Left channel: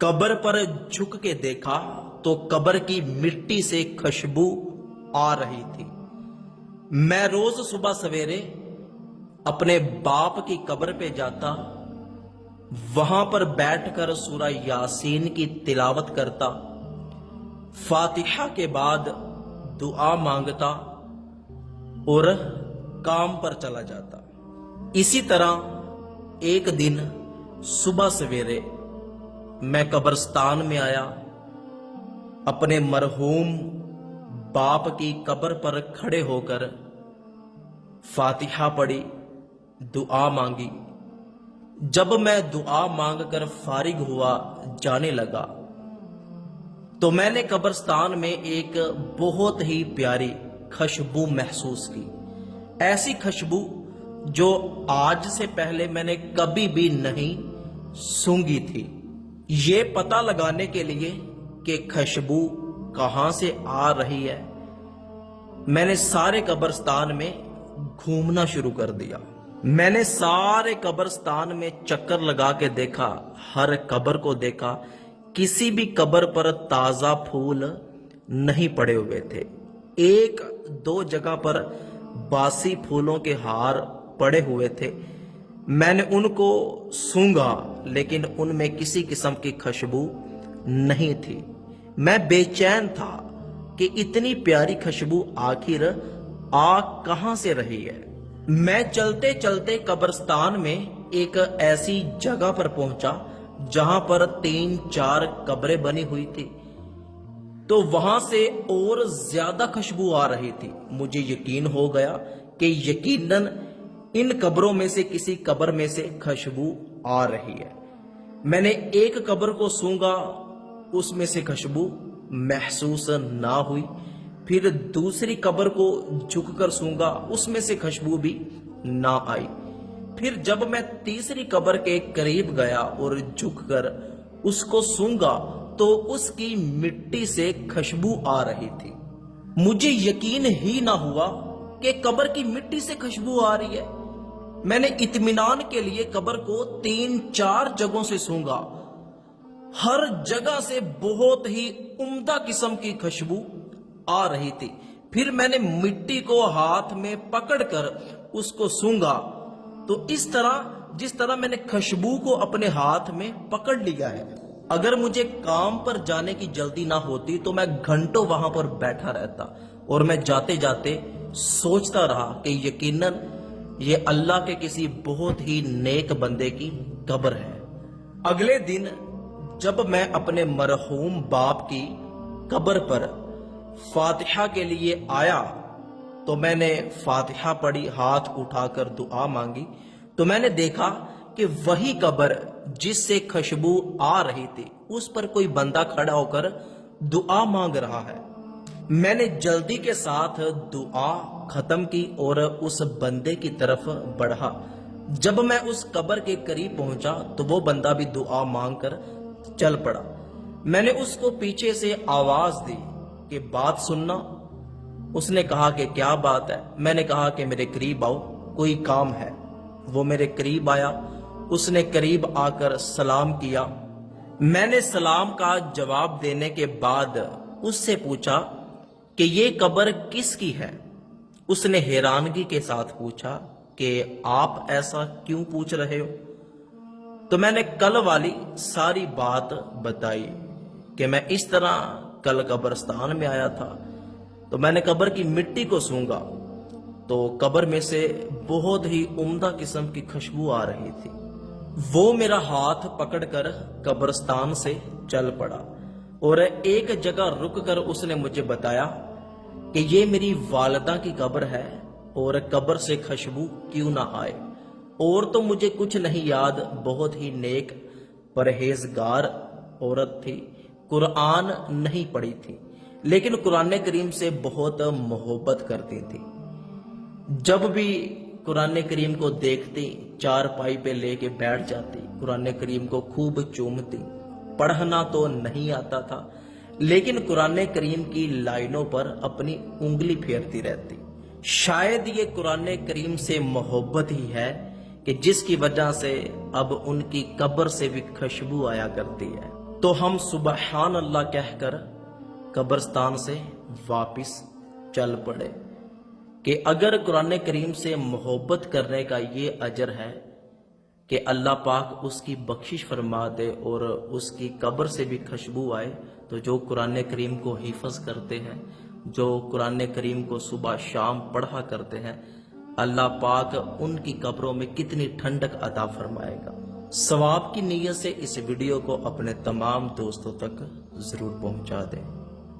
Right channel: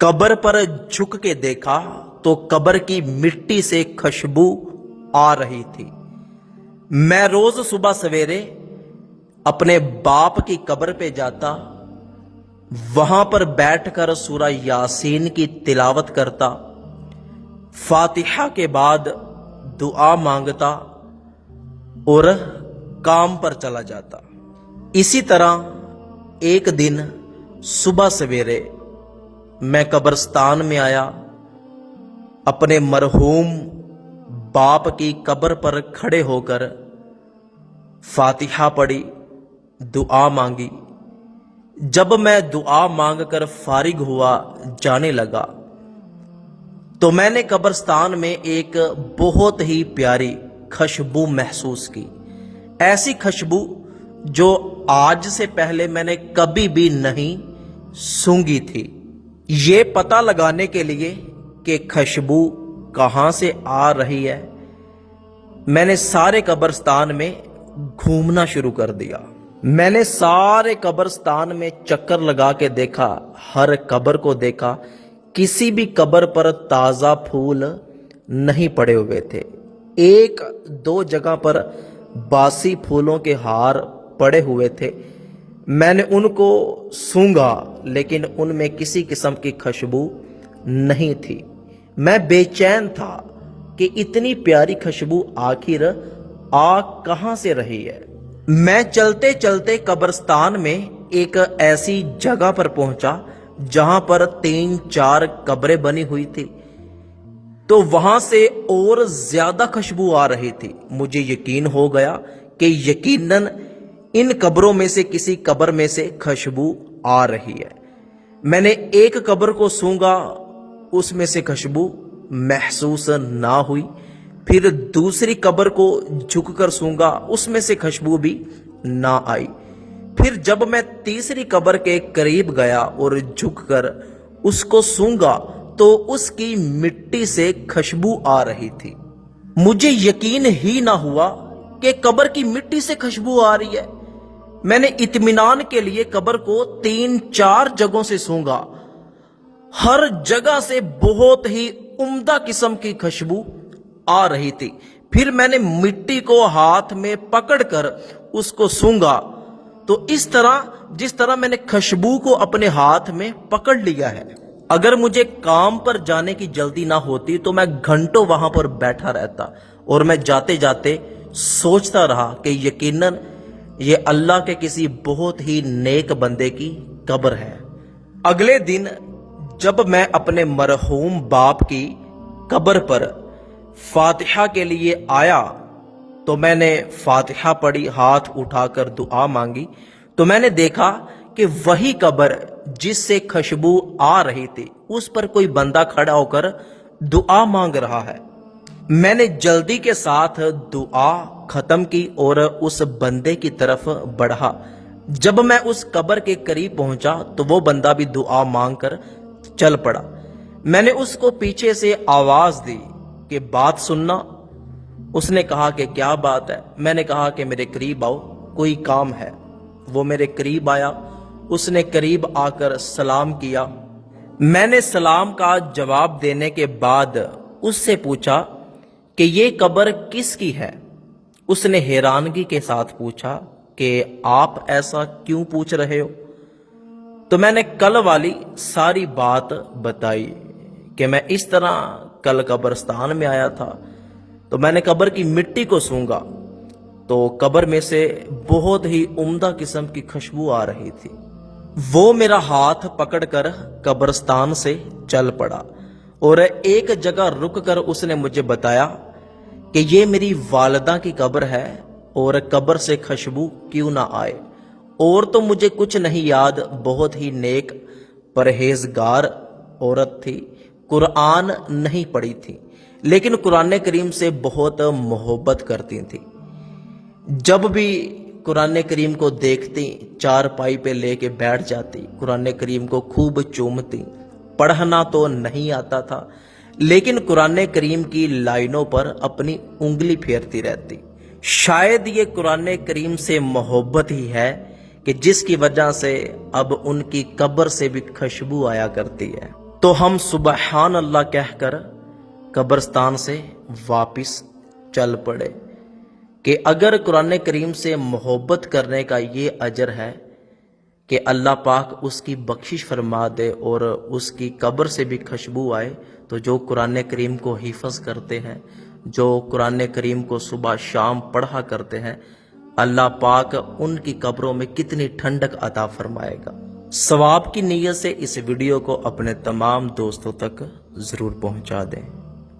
कब्र पर झुक के देखा तो कब्र की मिट्टी से खुशबू आ रही थी। मैं रोज सुबह सवेरे अपने बाप की कब्र पे जाता, वहां पर बैठकर सूरह यासीन की तिलावत करता, फातिहा के बाद दुआ मांगता और काम पर चला जाता। इसी तरह एक दिन सुबह सवेरे मैं कब्रिस्तान में आया, अपने मरहूम बाप की कब्र पर खड़े होकर फातिहा पढ़ी, दुआ मांगी। जब मैं दुआ मांगकर फारिग हुआ जाने लगा तो मैंने कब्रिस्तान में एक बहुत ही प्यारी खुशबू महसूस की। ऐसी खुशबू जो आज से पहले मैंने कभी भी नहीं सूंघी थी। ये पता लगाने के लिए कि खुशबू कहां से आ रही है, मैंने सारे कब्रिस्तान में घूमना शुरू कर दिया। मैंने सारे कब्रिस्तान में चक्कर लगा के देखा, हर कब्र को देखा, किसी भी कब्र पर ताजा फूल नहीं पड़े हुए थे। एक दो जगह पर बासी फूलों के हार पड़े हुए थे। मैंने उनको सूंघा लेकिन उनमें किसी किस्म की खुशबू नहीं थी। मैं बेचैन था कि इतनी प्यारी खुशबू आखिर आ कहां से रही है। मैं चलते चलते कब्रिस्तान में एक ऐसी जगह पर पहुंचा जहां पर 3-4 कब्रें बनी हुई थी, तो वहां से और ज्यादा खुशबू आ रही थी। मुझे यकीन हो गया कि यकीनन इन कब्रों में से किसी कब्र में से खुशबू आ रही है। मैंने एक कब्र को सूंघा, उसमें से खुशबू महसूस ना हुई। फिर दूसरी कब्र को झुककर सूंघा, उसमें से खुशबू भी ना आई। फिर जब मैं तीसरी कब्र के करीब गया और झुककर उसको सूंघा तो उसकी मिट्टी से खुशबू आ रही थी। मुझे यकीन ही ना हुआ कि कब्र की मिट्टी से खुशबू आ रही है। मैंने इत्मीनान के लिए कब्र को 3-4 जगहों से सूंघा, हर जगह से बहुत ही उम्दा किस्म की खुशबू आ रही थी। फिर मैंने मिट्टी को हाथ में पकड़कर उसको सूंघा, तो इस तरह जिस तरह मैंने खुशबू को अपने हाथ में पकड़ लिया है। अगर मुझे काम पर जाने की जल्दी ना होती तो मैं घंटों वहां पर बैठा रहता और मैं जाते जाते सोचता रहा कि यकीनन ये अल्लाह के किसी बहुत ही नेक बंदे की कब्र है। अगले दिन जब मैं अपने मरहूम बाप की कब्र पर फातिहा के लिए आया तो मैंने फातिहा पढ़ी, हाथ उठाकर दुआ मांगी, तो मैंने देखा कि वही कब्र जिससे खुशबू आ रही थी उस पर कोई बंदा खड़ा होकर दुआ मांग रहा है। मैंने जल्दी के साथ दुआ खत्म की और उस बंदे की तरफ बढ़ा। जब मैं उस कब्र के करीब पहुंचा तो वो बंदा भी दुआ मांगकर चल पड़ा। मैंने उसको पीछे से आवाज दी कि बात सुनना। उसने कहा कि क्या बात है। मैंने कहा कि मेरे करीब आओ, कोई काम है। वो मेरे करीब आया, उसने करीब आकर सलाम किया। मैंने सलाम का जवाब देने के बाद उससे पूछा कि ये कब्र किसकी है। उसने हैरानगी के साथ पूछा कि आप ऐसा क्यों पूछ रहे हो। तो मैंने कल वाली सारी बात बताई कि मैं इस तरह कल कब्रिस्तान में आया था, तो मैंने कब्र की मिट्टी को सूंघा तो कब्र में से बहुत ही उम्दा किस्म की खुशबू आ रही थी। वो मेरा हाथ पकड़कर कब्रिस्तान से चल पड़ा और एक जगह रुककर उसने मुझे बताया कि ये मेरी वालिदा की कब्र है और कब्र से खुशबू क्यों ना आए। और तो मुझे कुछ नहीं याद, बहुत ही नेक परहेजगार औरत थी, कुरान नहीं पढ़ी थी लेकिन कुरान करीम से बहुत मोहब्बत करती थी। जब भी कुरान करीम को देखती चारपाई पे लेके बैठ जाती, कुरान करीम को खूब चूमती। पढ़ना तो नहीं आता था लेकिन कुरान करीम की लाइनों पर अपनी उंगली फेरती रहती। शायद ये कुरान करीम से मोहब्बत ही है कि जिसकी वजह से अब उनकी कब्र से भी खुशबू आया करती है। तो हम सुबहान अल्लाह कहकर कब्रिस्तान से वापस चल पड़े कि अगर कुरान करीम से मोहब्बत करने का ये अजर है कि अल्लाह पाक उसकी बख्शिश फरमा दे और उसकी कब्र से भी खुशबू आए, तो जो कुरान करीम को हिफज करते हैं, जो कुरान करीम को सुबह शाम पढ़ा करते हैं, अल्लाह पाक उनकी कब्रों में कितनी ठंडक अता फरमाएगा। सवाब की नीयत से इस वीडियो को अपने तमाम दोस्तों तक ज़रूर पहुंचा दें।